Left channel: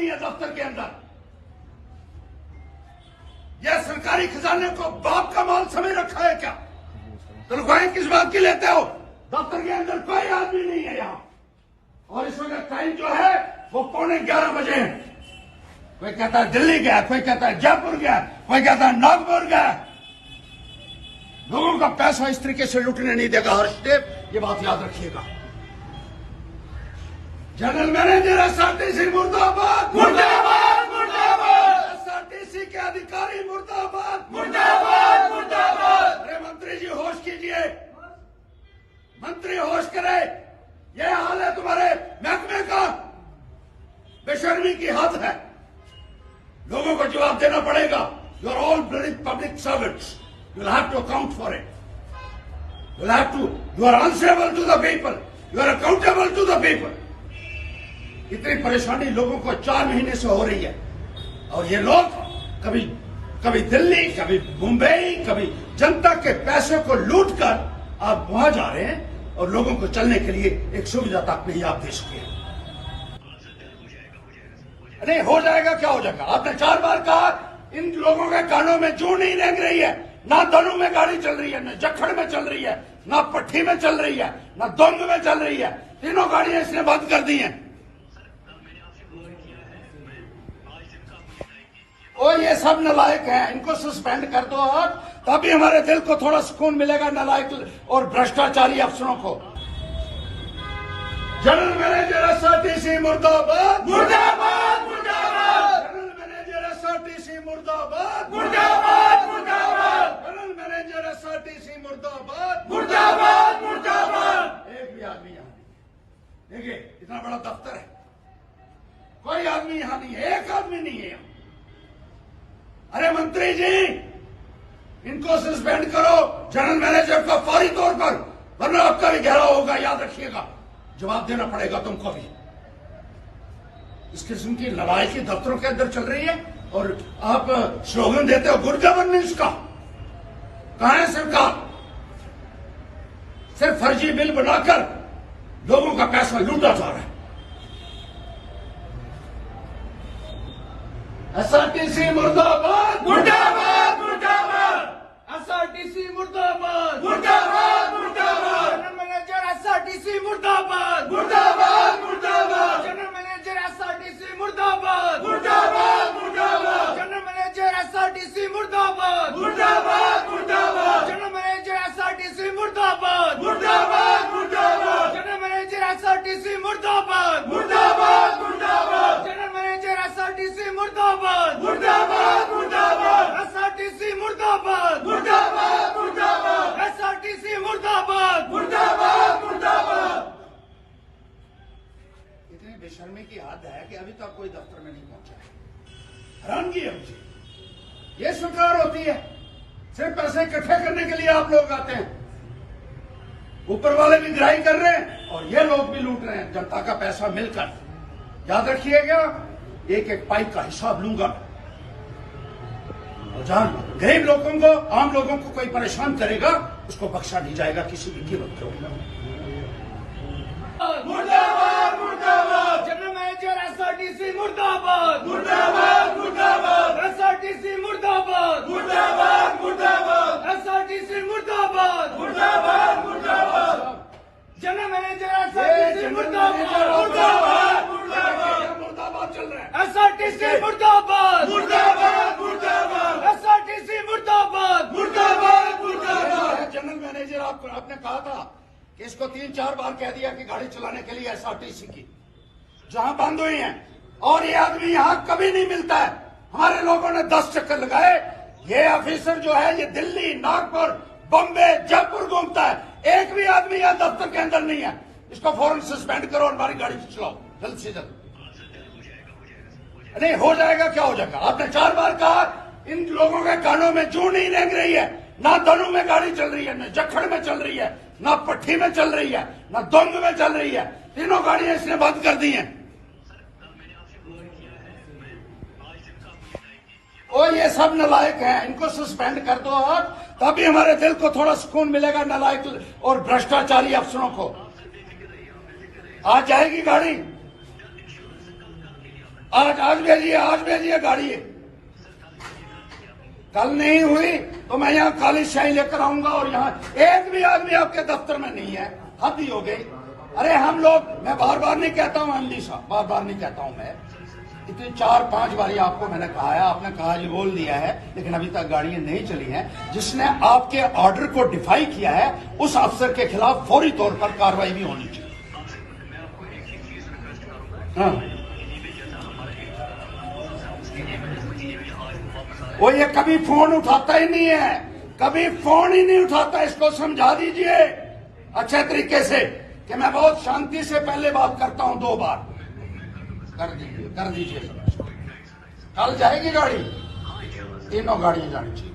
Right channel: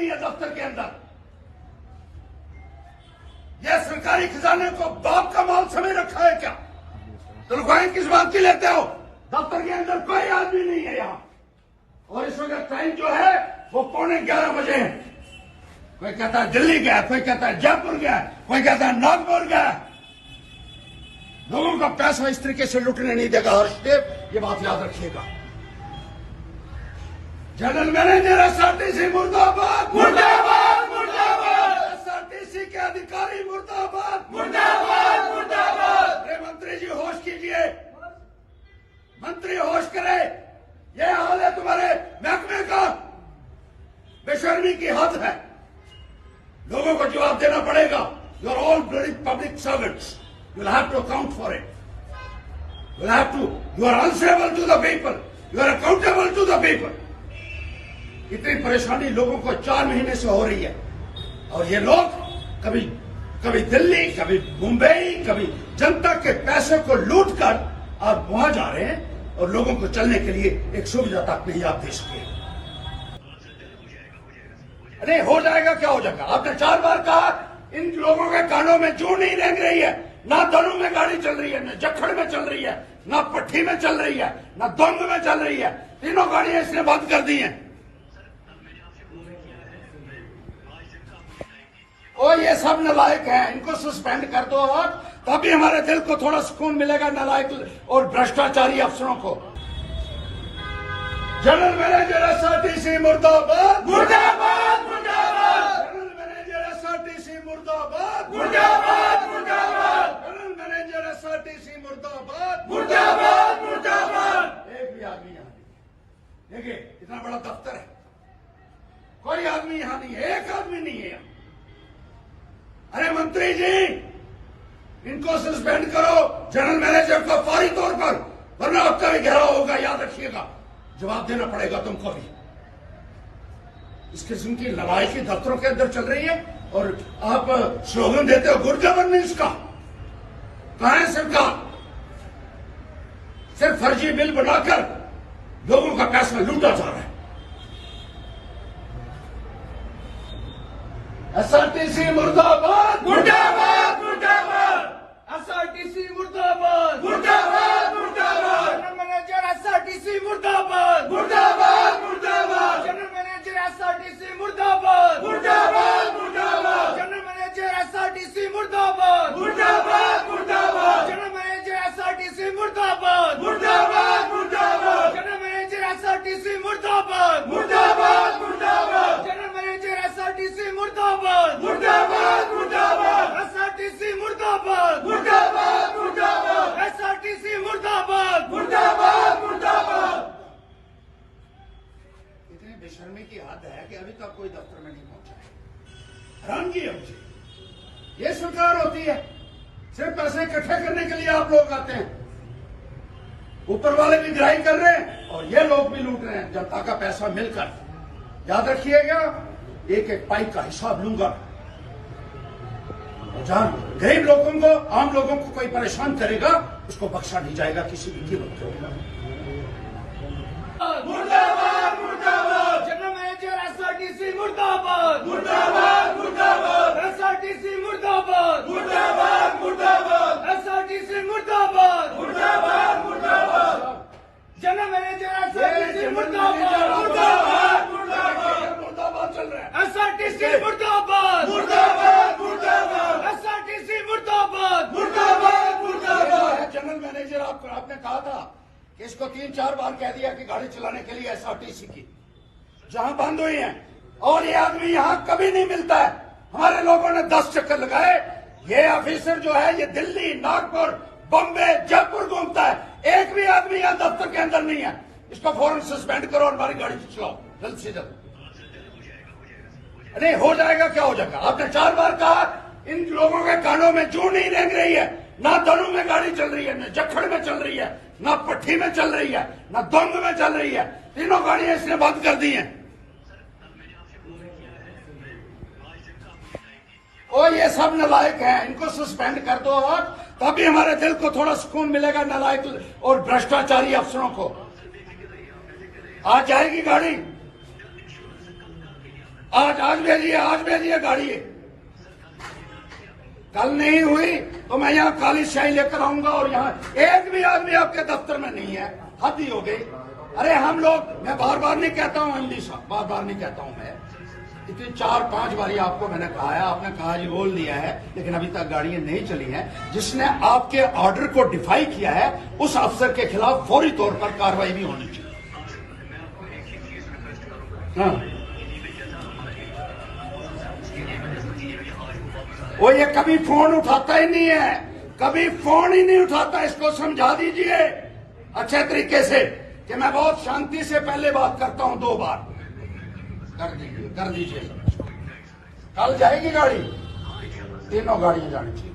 आदमी है दफ्तर के अंदर। यह सरकारी खजाने को बाप का माल समझ रखा है क्या? तनख्वाहें किस बात की लेते हो? दफ्तर के अंदर कोई आदमी नहीं है यहाँ। और इस वक्त टाइम जो है वो 11:15 बजे है। कोई कहता है दिल्ली गया, कोई कहता है जयपुर गया, कोई कहता है नागपुर गया। लोगों का पैसा इस तरीके से लुटने नहीं देगा हर्षदेव, ये बात याद रखिएगा। जनरल मैनेजर एसआरटीसी मुर्दाबाद, मुर्दाबाद, मुर्दाबाद। एसआरटीसी के अधिकारी मुर्दाबाद, मुर्दाबाद, मुर्दाबाद। अरे मंत्री जी होश कीजिए, मंत्री होश करे। यह हाल है तुम्हारे महकमे का, बेशर्मी की हद है। लोगों को जवाब देना पड़ेगा। You are all bloody public servants, you will have to account for it. You will have to, you are answerable to the people, you are accountable to the people. इतनी परेशानी लोगों को 4 महीने से हो रही है और ये लोग कभी दिल्ली, कभी मुंबई, कभी जनता के पैसे को लूट कर आप वहां जा रहे हैं और लोगों को चलने के लिए एक सुविधा तक नहीं आप दे सके। अरे हो जाएगा, क्या हो जाएगा? आपने 4 बार कहा। इन लोगों के कानों में जू नहीं रेंग रही है। ना दनू में गाड़ी चल रही है, न जखड़ में चल रही है, ना पट्टी में चल रही है, ना दोंग में चल रही है। तीनों गाड़ियां इसने बंद कर दी हैं। और ये सब नालायक हैं, इनको सस्पेंड कर दो आप, तभी हमारे दिल को थोड़ा सुकून मिलेगा नालायक और भ्रष्टाचारी अफसरों को। जनरल मैनेजर एसआरटीसी मुर्दाबाद, मुर्दाबाद, मुर्दाबाद। जनरल मैनेजर एसआरटीसी मुर्दाबाद, मुर्दाबाद, मुर्दाबाद। जनरल मैनेजर एसआरटीसी मुर्दाबाद, मुर्दाबाद, मुर्दाबाद। एक भी आदमी यहाँ नहीं। देखिए इतना बड़ा दफ्तर है, कोई आदमी यहाँ नहीं है, एक आदमी नहीं है यहाँ। अरे मंत्री जी, इनको सस्पेंड करो, जनरल मैनेजर को फौरी तौर पर, वरना आपका ही घेराव होगा, याद रखिएगा। जवाब देना पड़ेगा तुमको भी। इस किस्म की लड़ाई दफ्तरों के अंदर चल रही है और आप स्लोगन देते हो गुड गवर्नेंस का। कहां है सरकार? सिर्फ फर्जी बिल बनाकर लोगों का पैसा लूटा जा रहा है। एसआरटीसी मुर्दाबाद, मुर्दाबाद, मुर्दाबाद। एसआरटीसी मुर्दाबाद, मुर्दाबाद, मुर्दाबाद। जनरल मैनेजर एसआरटीसी मुर्दाबाद, मुर्दाबाद, मुर्दाबाद। जनरल मैनेजर एसआरटीसी मुर्दाबाद, मुर्दाबाद, मुर्दाबाद। जनरल मैनेजर एसआरटीसी मुर्दाबाद, मुर्दाबाद, मुर्दाबाद। जनरल मैनेजर एसआरटीसी मुर्दाबाद, मुर्दाबाद, मुर्दाबाद। जनरल मैनेजर एसआरटीसी मुर्दाबाद, मुर्दाबाद, मुर्दाबाद। जनरल मैनेजर एसआरटीसी मुर्दाबाद, मुर्दाबाद, मुर्दाबाद। एसआरटीसी मुर्दाबाद, मुर्दाबाद, मुर्दाबाद। एसआरटीसी मुर्दाबाद, मुर्दाबाद, मुर्दाबाद। इतनी बेशर्मी की हद है कि अभी तक कोई दफ्तर में नहीं पहुंचा। हैरानगी है मुझे। ये सरकार होती है? सिर्फ पैसे इकट्ठे करने के लिए आप लोग आते हैं। ऊपर वाले भी ग्राही कर रहे हैं और ये लोग भी लूट रहे हैं जनता का पैसा मिलकर। याद रखिएगा, एक एक पाइप का हिसाब लूंगा। और जहां गरीब लोगों को, आम लोगों को कोई परेशान करेगा उसको बख्शा नहीं जाएगा किसी भी कीमत पर। मुर्दाबाद, मुर्दाबाद। जनरल मैनेजर एसआरटीसी मुर्दाबाद, मुर्दाबाद, मुर्दाबाद। एसआरटीसी मुर्दाबाद, मुर्दाबाद, मुर्दाबाद। एसआरटीसी मुर्दाबाद, मुर्दाबाद, मुर्दाबाद। जनरल मैनेजर एसआरटीसी मुर्दाबाद, मुर्दाबाद, मुर्दाबाद। मुर्दाबाद चल रहा है। एसआरटीसी मुर्दाबाद, मुर्दाबाद, मुर्दाबाद। एसआरटीसी मुर्दाबाद, मुर्दाबाद, मुर्दाबाद। जनरल मैनेजर आपने कहा था कि इसको 3-4 बार कह दिया कि गाड़ी चलाने के लिए एसआरटीसी की, जहां बंद हुई है। और ये आदमी यहां कभी नहीं मिलता है। हमारे लोगों ने 10 चक्कर लगाए। ये ऑफिसर जो है ये दिल्ली, नागपुर, बम्बे, जयपुर घूमता है। एक भी आदमी यहां दफ्तर के अंदर नहीं है। इसको फौरन सस्पेंड करो और हमारी गाड़ी चलाओ जल्द से जल्द। अरे हो जाएगा, क्या हो जाएगा? आपने 4 बार कहा। इन लोगों के कानों में जू नहीं रेंग रही है। ना दनू में गाड़ी चल रही है, न जखड़ में चल रही है, ना पट्टी में चल रही है, ना दोंग में चल रही है। तीनों गाड़ियां इसने बंद कर दी हैं। और ये सब नालायक हैं, इनको सस्पेंड कर दो आप, तभी हमारे दिल को थोड़ा सुकून मिलेगा नालायक और भ्रष्टाचारी अफसरों को। आ जाएगी गाड़ी। आज भेजिए गाड़ी। कल नहीं हुई तो मैं यहाँ खाली शाही लेकर आऊंगा और यहाँ एक भी आदमी आपके दफ्तर में नहीं है। हद ही हो गई। अरे हम लोग, मैं बार बार नहीं कहता हूँ एमडी साहब, बार बार नहीं कहता हूँ मैं, इतनी 4-5 बारी आपको मैंने कहा है, आपने कहा जी बोल दिया है, लेकिन अभी तक गाड़ियां नहीं चली हैं। जिसने आपके ऑर्डर को डिफाई किया है उस अफसर के खिलाफ फौरी तौर पर कार्रवाई भी होनी चाहिए। हाँ, वो ये कभी फोन उठाता ही नहीं है, कभी फोन ही नहीं उठाता। इसको समझा दीजिए अच्छे तरीके से कि मैं बहुत शांति से पहले बात करता हूं, 2 बार कर दीजिए। कल जाएगी गाड़ी, तीनों गाड़ियां जानी चाहिए।